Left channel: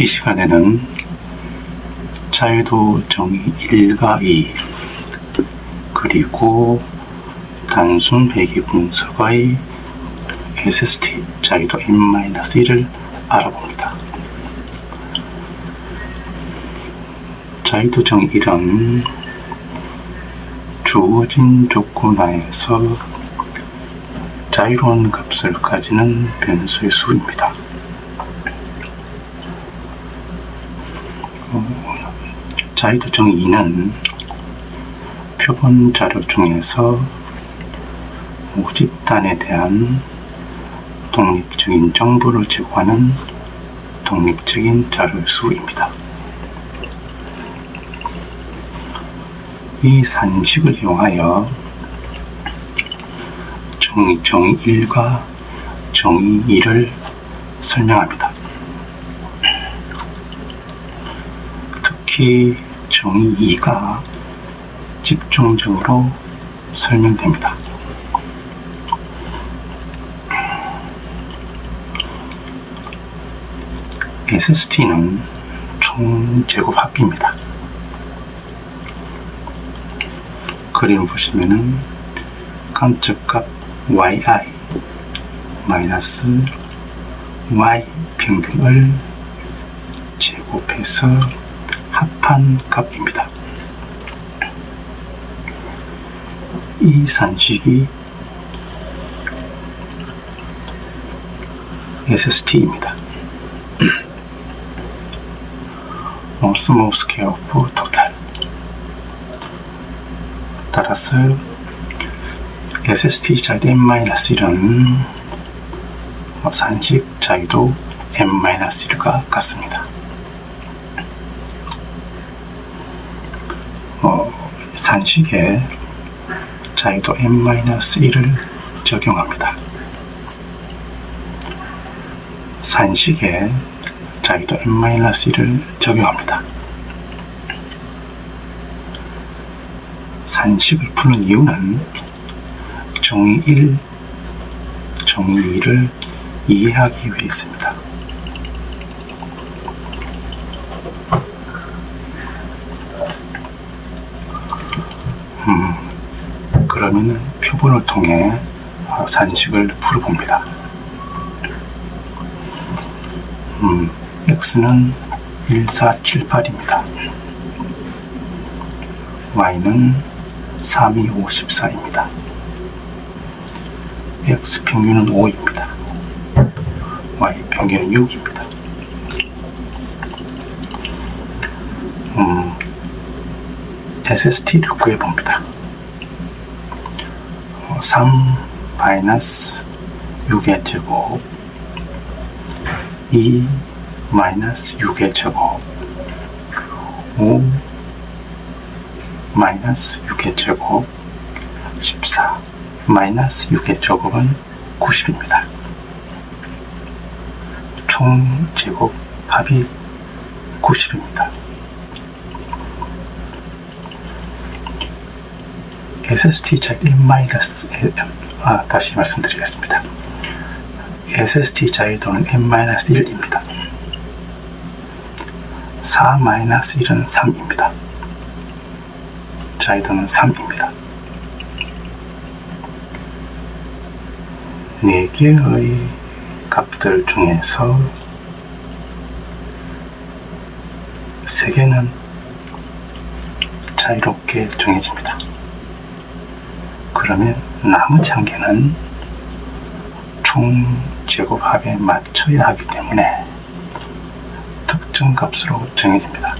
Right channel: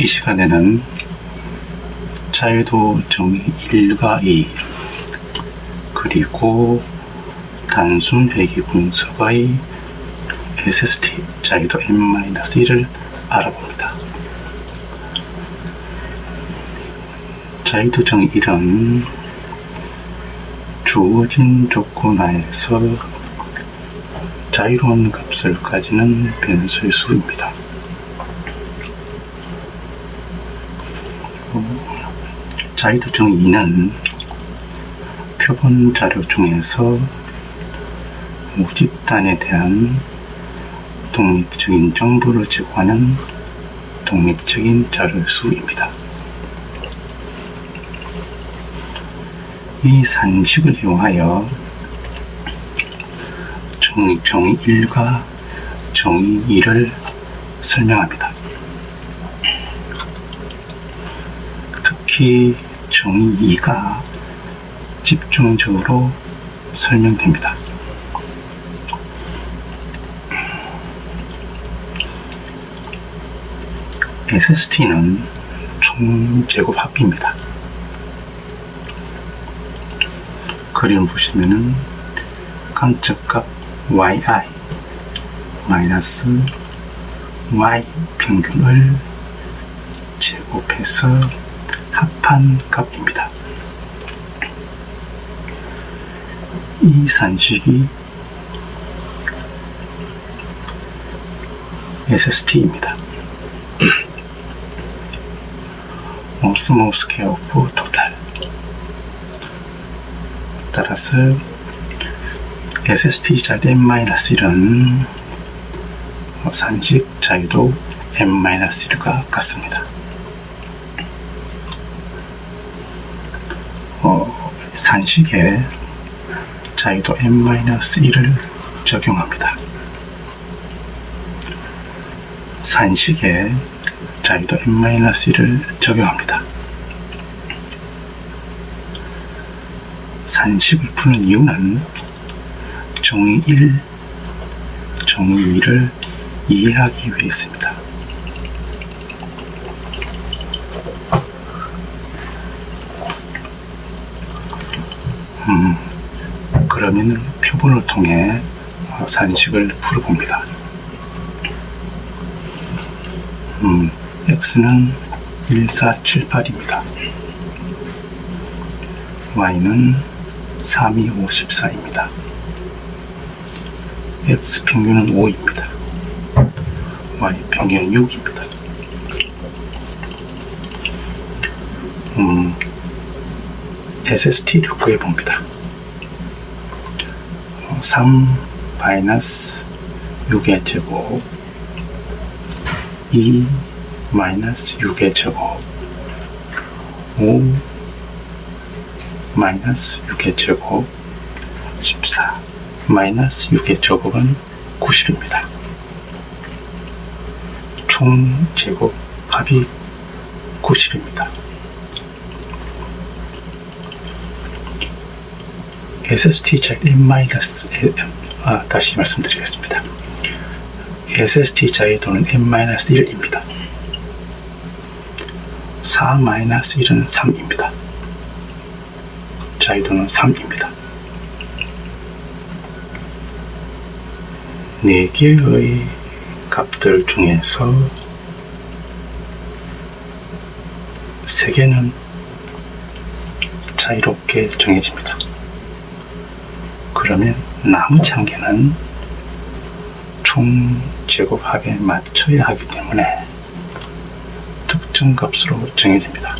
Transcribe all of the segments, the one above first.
이 시간에는 자유도 정의 1과 2 그리고 단순 회귀 분석의 SST 자유도 n-1을 알아봅니다. 자유도 정의 1은 주어진 조건 하에서 자유로운 값을 가지는 변수의 수입니다. 자유도 정의 2는 표본 자료 중에서 모집단에 대한 독립적인 정보를 제공하는 독립적인 자료의 수입니다. 이 산식을 이용하여 정의 1과 정의 2를 설명합니다. 특히 정의 2가 집중적으로 설명됩니다. SST는 총 제곱 합비입니다. 그림을 보시면은 관측값 yi 마이너스 y 평균을 제곱해서 합한 값입니다. 이 산식이 SST입니다. Small Scale of Total. 따라서 SST 자유도 n-1은 산식 자유도 n-1과 같습니다. 산식에 자유도 n-1을 적용합니다. 산식에 자유도 n-1을 적용합니다. 산식을 푸는 이유는 정의 1, 정의 2를 이해하기 위해서입니다. 그러면 표본을 통해 산식을 풀어봅니다. x는 1478입니다. y는 3254입니다. x 평균은 5입니다. y 평균은 6입니다. SST를 구해봅니다. 3 마이너스 6의 제곱 2 마이너스 6의 제곱 5 마이너스 6의 제곱 14 마이너스 6의 제곱은 90입니다. 총 제곱 합이 90입니다. SST 자유도 다시 말씀드리겠습니다. SST 자유도는 n-1입니다. 4-1은 3입니다. 자유도는 3입니다. 4개의 값들 중에서 3개는 자유롭게 정해집니다. 그러면 나머지 1개는 총 제곱합에 맞춰야 하기 때문에 특정 값으로 정해집니다.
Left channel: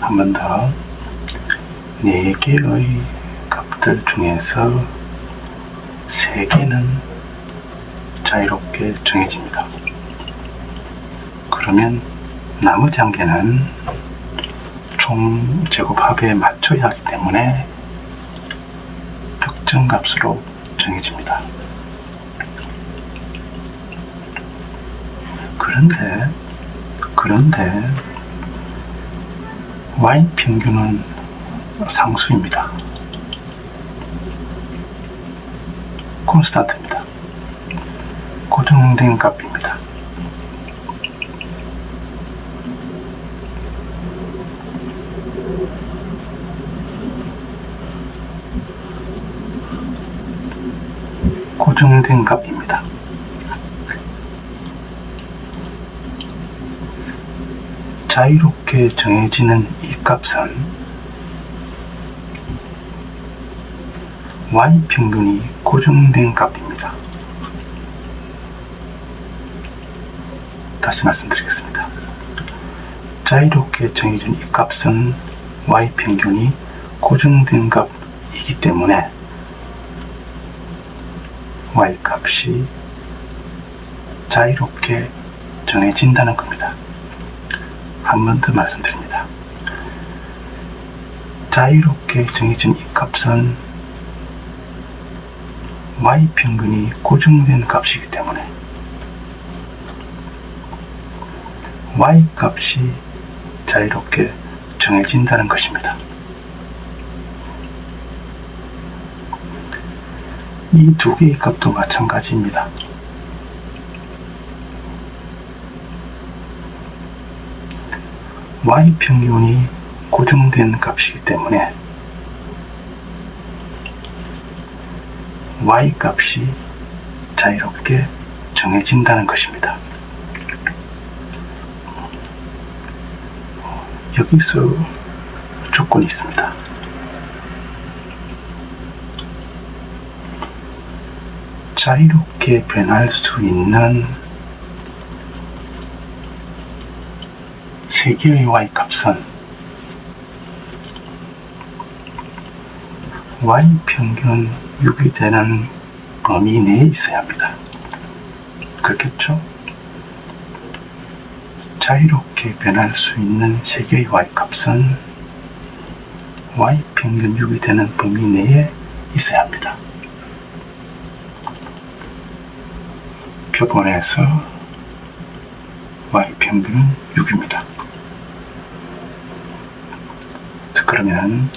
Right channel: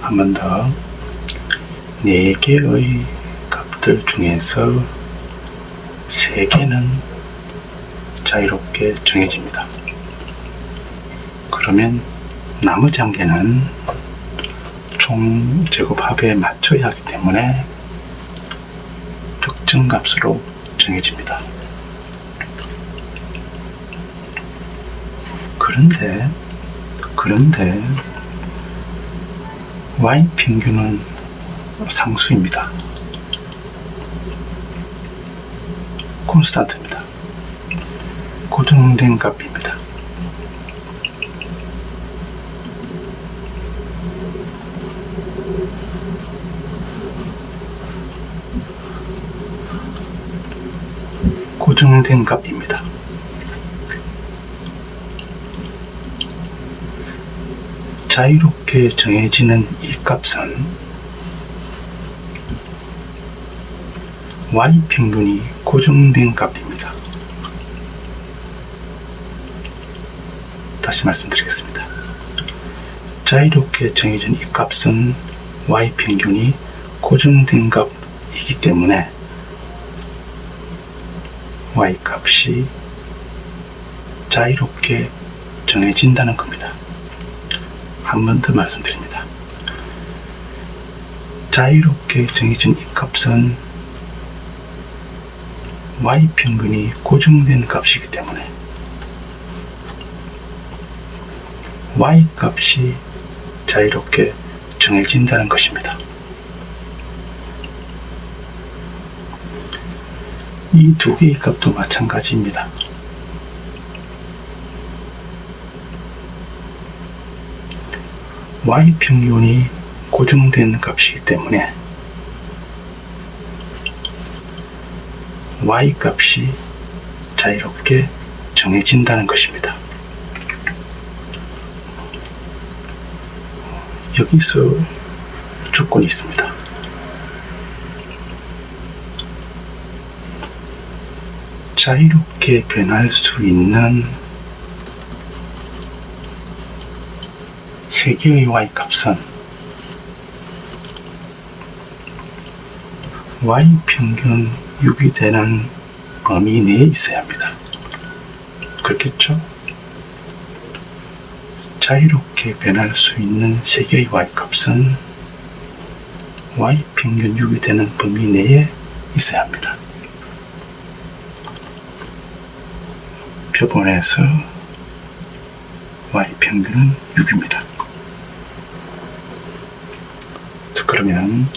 한 번 더 4개의 값들 중에서 3개는 자유롭게 정해집니다. 그러면 나머지 1개는 총 제곱합에 맞춰야 하기 때문에 특정 값으로 정해집니다. 그런데 y 평균은 상수입니다. 콘스탄트입니다. 고정된 값입니다. 고정된 값입니다. 자유롭게 정해지는 이 값은 y평균이 고정된 값입니다. 다시 말씀드리겠습니다. 자유롭게 정해진 이 값은 y평균이 고정된 값이기 때문에 y값이 자유롭게 정해진다는 겁니다. 한 번 더 말씀드립니다. 자유롭게 정해진 이 값은 y평균이 고정된 값이기 때문에 y값이 자유롭게 정해진다는 것입니다. 이 두 개의 값도 마찬가지입니다. y평균이 고정된 값이기 때문에 y값이 자유롭게 정해진다는 것입니다. 여기서 조건이 있습니다. 자유롭게 변할 수 있는 세 개의 y값은 y평균 6이 되는 범위 내에 있어야 합니다. 그렇겠죠? 자유롭게 변할 수 있는 세 개의 y값은 y평균 6이 되는 범위 내에 있어야 합니다. 표본에서 y평균은 6입니다. 그러면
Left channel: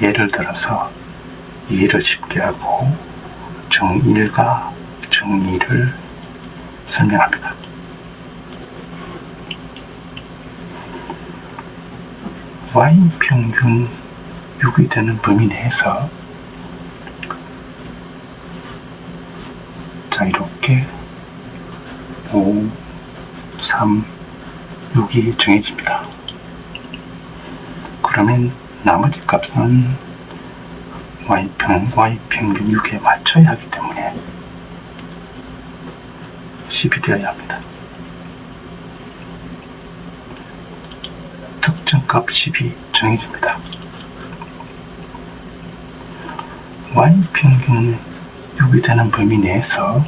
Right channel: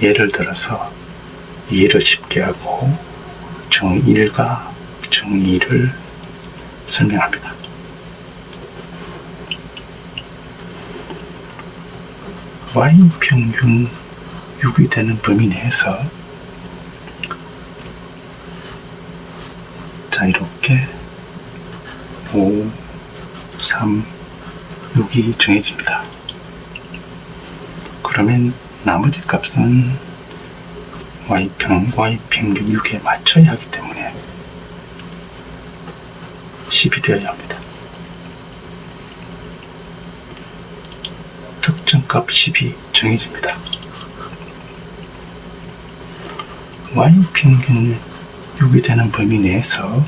예를 들어서 이해를 쉽게 하고 정1과 정2를 설명합니다. y평균 6이 되는 범위 내에서 자유롭게 5, 3, 6이 정해집니다. 그러면 나머지 값은 y평균 6에 맞춰야 하기 때문에 10이 되어야 합니다. 특정값 10이 정해집니다. y평균 6이 되는 범위 내에서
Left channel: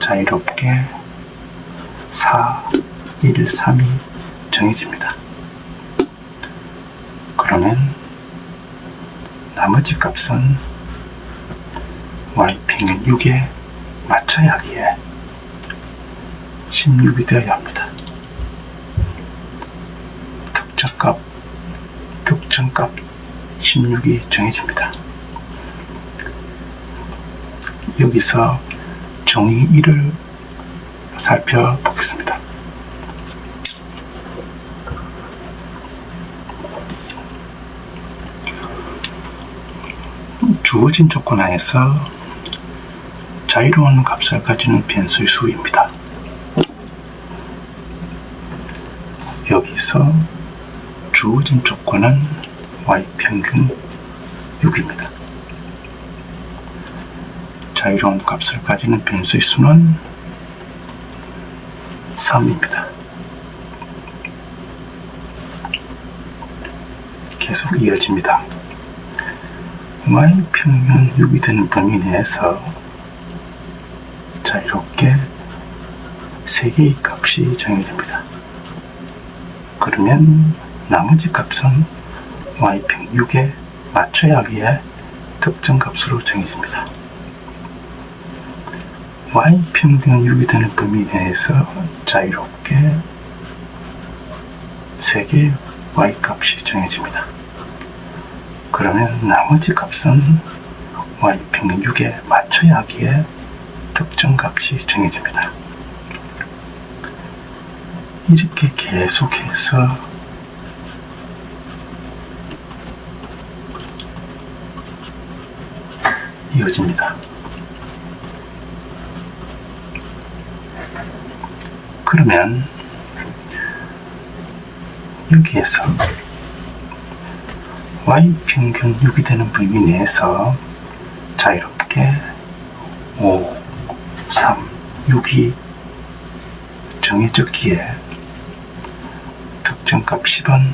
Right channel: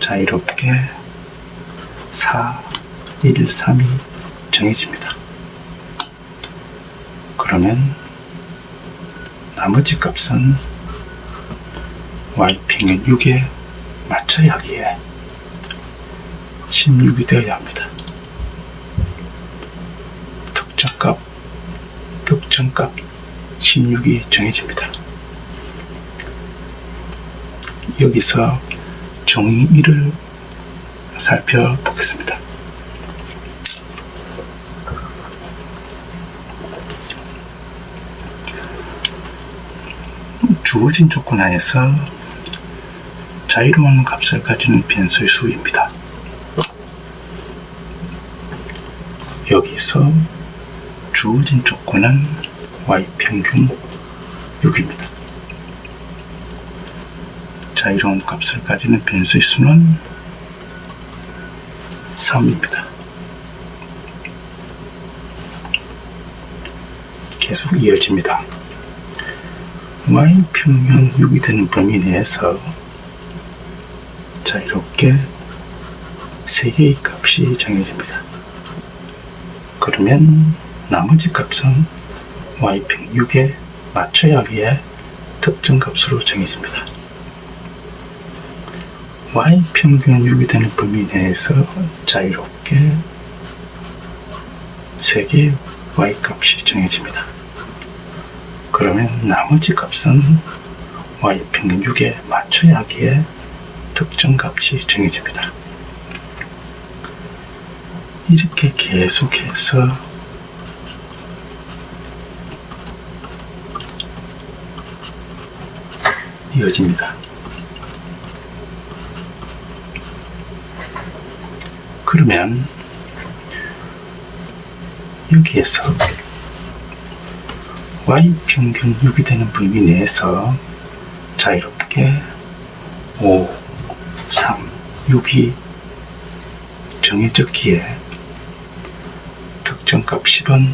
자유롭게 4, 1, 3이 정해집니다. 그러면 나머지 값은 y평균 6에 맞춰야 하기에 16이 되어야 합니다. 특정값 16이 정해집니다. 여기서 종이 1을 살펴보겠습니다. 주어진 조건 하에서 자유로운 값을 가지는 변수의 수입니다. 여기서 주어진 조건은 y평균 6입니다. 자유로운 값을 가지는 변수의 수는 3입니다. 계속 이어집니다. y평균 6이 되는 범위 내에서 자유롭게 3개의 값이 정해집니다. 그러면 나머지 값은 y평균 6에 맞춰야 하기에 특정 값으로 정해집니다. y평균 6이 되는 범위 내에서 자유롭게 3개의 y값이 정해집니다. 그러면 나머지 값은 y평균 6에 맞춰야 하기에 특정 값이 정해집니다. 이렇게 계속해서 이어집니다. 그러면 여기에서 y평균 6이 되는 범위 내에서 자유롭게 5, 3, 6이 정해졌기에 특정값 10은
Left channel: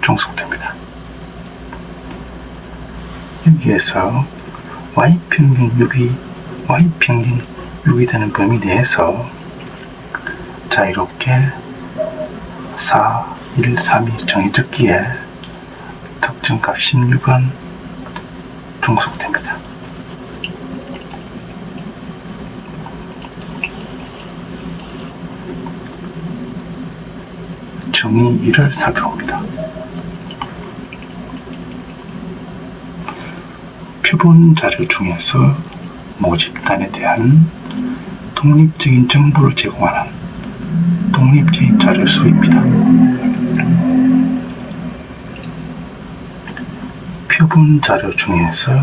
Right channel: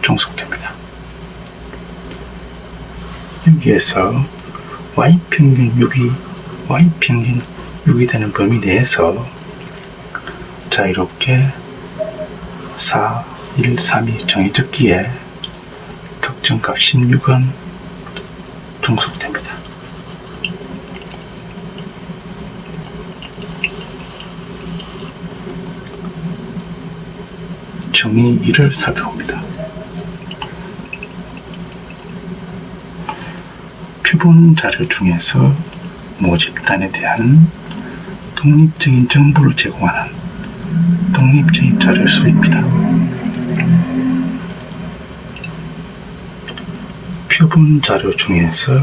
종속됩니다. 여기에서 y평균 6이 되는 범위 내에서 자유롭게 4, 1, 3이 정해졌기에 특정값 16은 종속됩니다. 정의 1을 살펴봅니다. 표본 자료 중에서 모집단에 대한 독립적인 정보를 제공하는 독립적인 자료수입니다. 표본 자료 중에서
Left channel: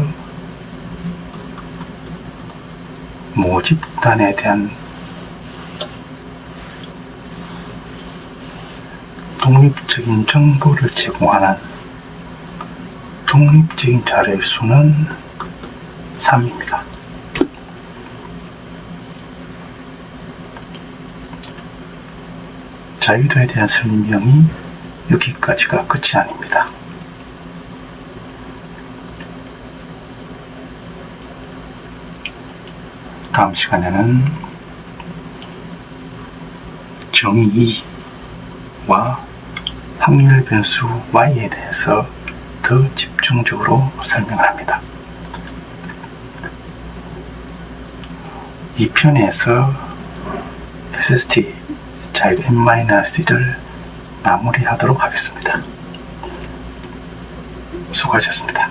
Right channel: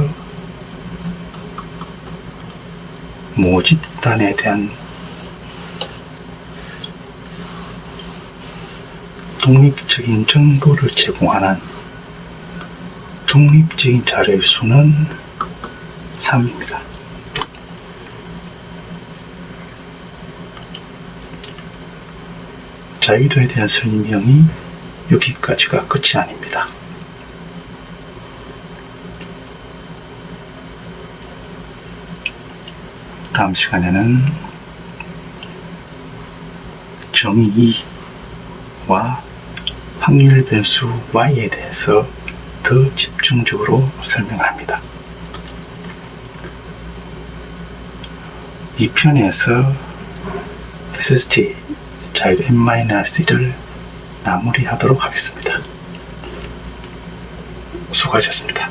모집단에 대한 독립적인 정보를 제공하는 독립적인 자료의 수는 3입니다. 자유도에 대한 설명이 여기까지가 끝이 아닙니다. 다음 시간에는 정의 2와 확률 변수 y에 대해서 더 집중적으로 설명합니다. 이 편에서 SST 자유도 n-1을 마무리하도록 하겠습니다. 수고하셨습니다.